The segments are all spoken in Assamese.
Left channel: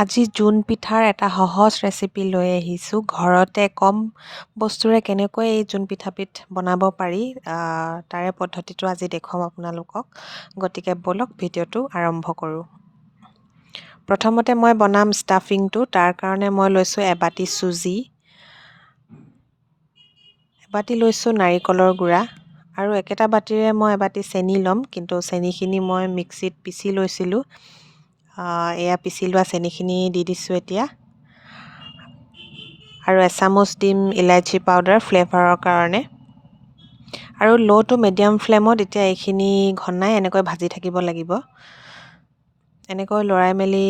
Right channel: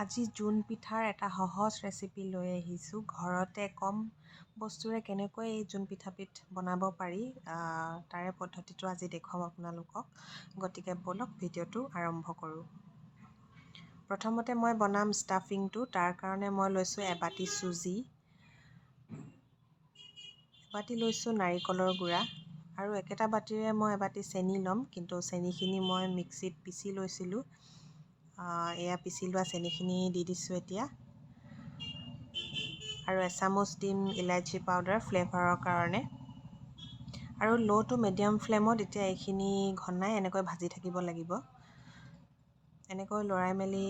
আজি জোন পিঠাৰ এটা সহজ ৰেচিপি লৈ আহিছোঁ। ঘৰতে কম বস্তুৰে কেনেকৈ এই জোন পিঠাবিধ বনাব পাৰি তাৰে পদ্ধতিটো আজি দেখুৱাম আপোনালোকক। গতিকে ব'লক ভিডিঅ'টো আৰম্ভ কৰোঁ। প্ৰথমতে মই বনাম ষ্টাফিংটো তাৰ কাৰণে মই লৈছোঁ এবাটি চুজি এবাটি লৈছোঁ নাৰিকলৰ গুড়া আৰু একেটা বাতিৰে মই এবাটি চেনি ল'ম। কিন্তু চেনিখিনি মই মিক্সিত পিচি লৈছিলোঁ। এয়া পিচি লোৱা চেনিখিনি দি দিছোঁ এতিয়া। আৰু এচামুচ দিম ইলাইচি পাউডাৰ ফ্লেভাৰৰ কাৰণে। আৰু ল' টু মিডিয়াম ফ্লেমত এতিয়া এইখিনি ঘনাই এনেকৈ ভাজি থাকিব লাগিব। এনেকৈ লৰাই মেলি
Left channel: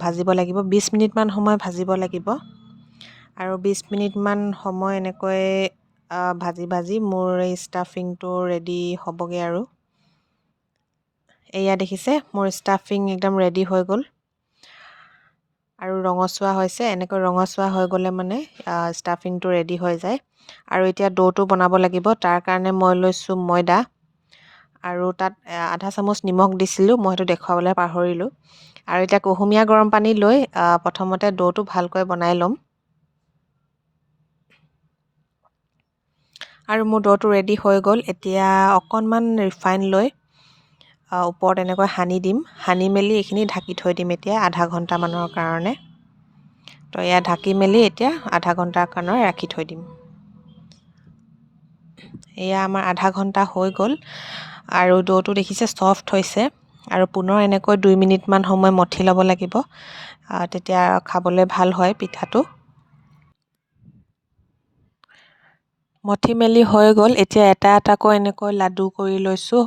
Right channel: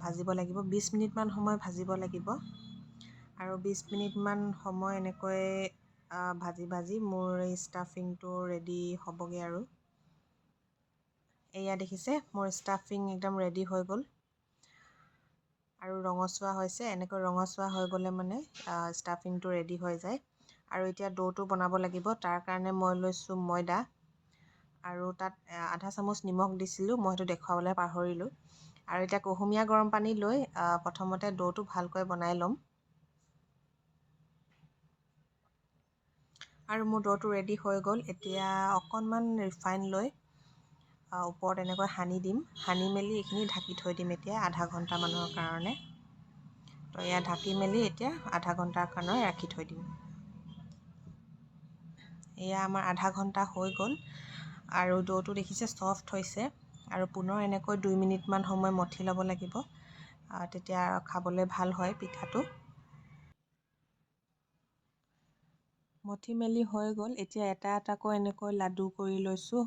ভাজিব লাগিব। বিছ মিনিটমান সময় ভাজিব লাগিব। আৰু বিছ মিনিটমান সময় এনেকৈ ভাজি ভাজি মোৰ এই ষ্টাফিংটো ৰেডি হ'বগৈ আৰু। এয়া দেখিছে মোৰ ষ্টাফিং একদম ৰেডি হৈ গ'ল। আৰু ৰঙচুৱা হৈছে এনেকৈ ৰঙচুৱা হৈ গ'লে মানে ষ্টাফিংটো ৰেডি হৈ যায়। আৰু এতিয়া ডৌটো বনাব লাগিব তাৰ কাৰণে মই লৈছোঁ ময়দা। আৰু তাত আধা চামুচ নিমখ দিছিলোঁ মই সেইটো দেখুৱাবলৈ পাহৰিলোঁ। আৰু এতিয়া কুহুমীয়া গৰম পানী লৈ প্ৰথমতে ডৌটো ভালকৈ বনাই ল'ম। আৰু মোৰ ডৌটো ৰেডি হৈ গ'ল এতিয়া অকণমান ৰিফাইন লৈ ওপৰত এনেকৈ সানি দিম। সানি মেলি এইখিনি ঢাকি থৈ দিম এতিয়া আধা ঘণ্টামানৰ কাৰণে। তো এয়া ঢাকি মেলি এতিয়া আধা ঘণ্টাৰ কাৰণে ৰাখি থৈ দিম। এয়া আমাৰ আধা ঘণ্টা হৈ গ'ল আৰু ডৌটো দেখিছে ছফ্ট হৈছে আৰু পুনৰ এনেকৈ দুই মিনিটমান সময় মঠি ল'ব লাগিব। তেতিয়া খাবলৈ ভাল হয় পিঠাটো। মঠি মেলি হৈ গ'ল। এতিয়া এটা এটাকৈ এনেকৈ লাডু কৰি লৈছোঁ।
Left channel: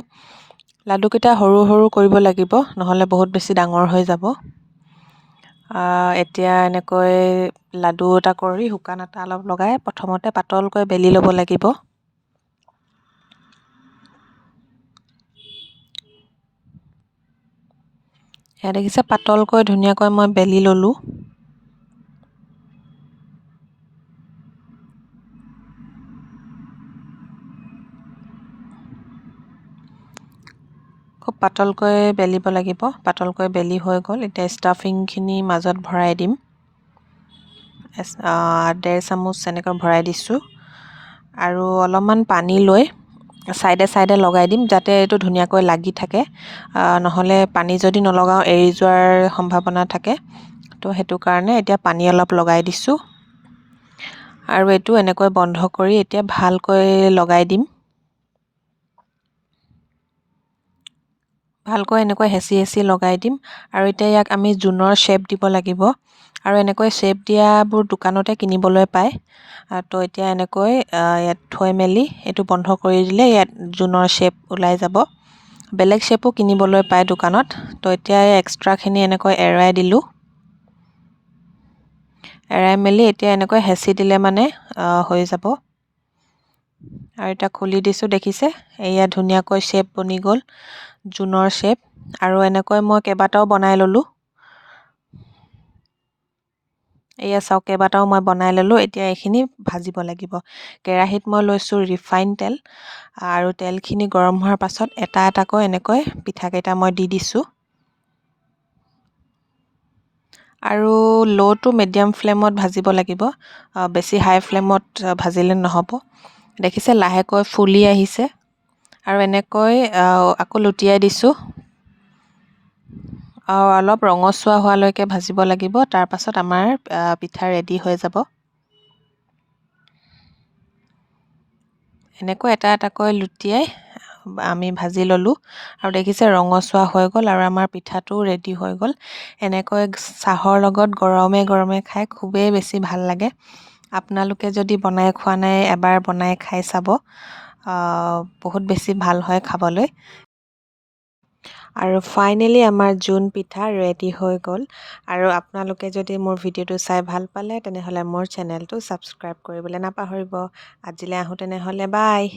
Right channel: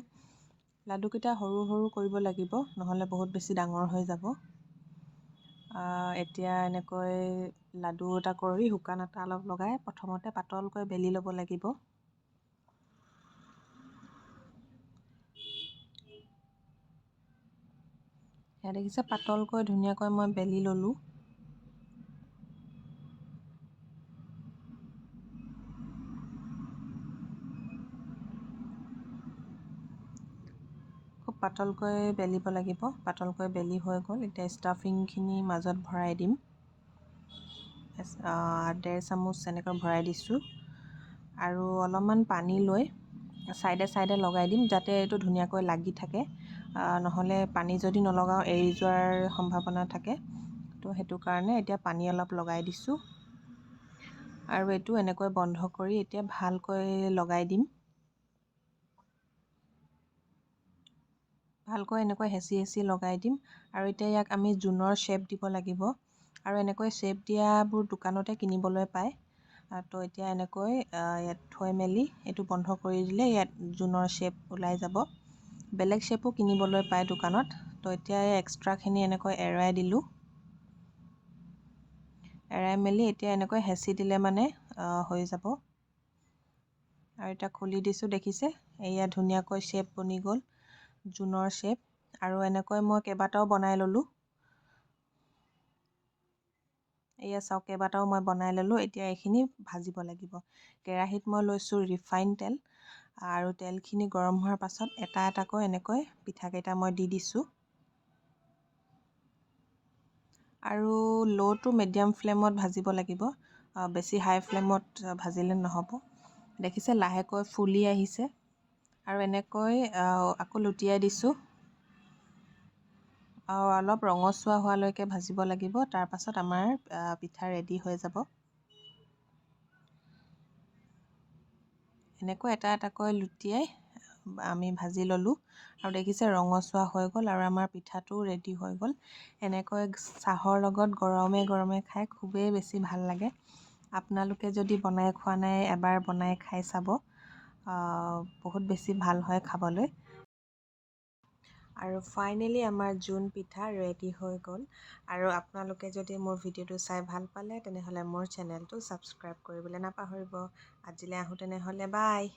লাডুকেইটা সৰু সৰু কৰিব লাগিব নহ'লে বহুত বেছি ডাঙৰ হৈ যাব। এতিয়া এনেকৈ লাডু এটা কৰি শুকান আটা অলপ লগাই প্ৰথমতে পাতলকৈ বেলি ল'ব লাগিব। সেয়া দেখিছে পাতলকৈ ধুনীয়াকৈ মই বেলি ল'লোঁ। খুব পাতলকৈ বেলিব লাগিব। পাতলকৈ বেলি হৈ গ'ল। এতিয়া ষ্টাফিংখিনি মাজত ভৰাই দিম। ডেৰ চামুচ এনেকৈ ভৰাই দিছোঁ। আৰু অলপমান পানী লৈ ছাইডে ছাইডে লগাই দিম যাতে এইটো ধুনীয়াকৈ লাগি থাকে। নহ'লে পানী যদি নলগাওঁ এৰি যোৱাৰ সম্ভাৱনা থাকে। তো সেইটো কাৰণে এতিয়া পানী অলপ লগাই দিছোঁ। আৰু এইটো এনেকৈ বন্ধ কৰি এতিয়া ভালকৈ লগাই দিম। ভালকৈ এনেকৈ হেঁচি হেঁচি লগাই দিম। আৰু এতিয়া ইয়াক আমি জোনৰ শ্বেপ দিব লাগিব। আৰু এনেকৈ শ্বেপ দিয়াবোৰ দোকানতে কিনিবলৈ পায়। তো এতিয়া এনেকৈ ইয়াত থৈ মেলি এইটো বন্ধ কৰি দিলে ইয়াত জোনৰ শ্বেপ ওলাই যাব। বেলেগ শ্বেপো কিনিবলৈ পায় দোকানত। তো এতিয়া এক্সট্ৰাখিনি এনেকৈ এৰাই দিলোঁ। এৰাই মেলি এতিয়া এনেকৈ হেঁচি দিলে মানে হৈ যাব। আৰু এতিয়া খুলি দিছোঁ দেখিছে? এয়া ধুনীয়াকৈ শ্বেপ বনি গ'ল। জোনৰ শ্বেপ আৰু এনেকৈ মই কেইবাটাও বনাই ল'লোঁ। এয়া চাওক কেইবাটাও মই বনাই ল'লোঁ। এতিয়া এইখিনি ভাজিব লাগিব। কেৰাহীত মই লৈছোঁ ৰিফাইন তেল আৰু তেলখিনি গৰম হোৱাৰ পাছত এটা এটাকৈ এনেকৈ পিঠাকেইটা মই দি দিছোঁ। আৰু ল' টু মিডিয়াম ফ্লেমত ভাজিব লাগিব। বেছি হাই ফ্লেমত ভাজিলে নহ'ব। দেখিছে লাহেকৈ ফুলি আহিছে। আৰু এনেকৈ আকৌ লুটিয়াই দিছোঁ। আৰু অলপ ৰঙচুৱা হোৱালৈকে ভাজিব লাগিব। তাৰপাছত আমাৰ পিঠা ৰেডি হৈ যাব। এনেকৈ এটা এটাকৈ লুটিয়াই আমি ভাজি ল'লোঁ। আৰু দেখিছে ৰঙচুৱা হৈ গ'ল আৰু আমাৰ পিঠাটো ৰেডি হৈ গ'ল। এনেকৈ চাহৰ লগত গৰমে গৰমে খাই খুবেই বেছি ভাল লাগে। আপোনালোকে যদি বনাই খোৱা নাই এবাৰ বনাই খাই চাব। বহুত বেছি ভাল হয় খাবলৈ। আৰু ফাইনেলি আমাৰ জোন পিঠা ৰেডি হৈ গ'ল। আৰু আপোনালোকে যদি মোৰ ভিডিঅ'টো চাই ভাল পালে তেনেহ'লে মোৰ চেনেলটো ছাবস্ক্ৰাইব কৰিবলৈ নাপাহৰিব। আজিলৈ আহোঁ তেনেহ'লে বাই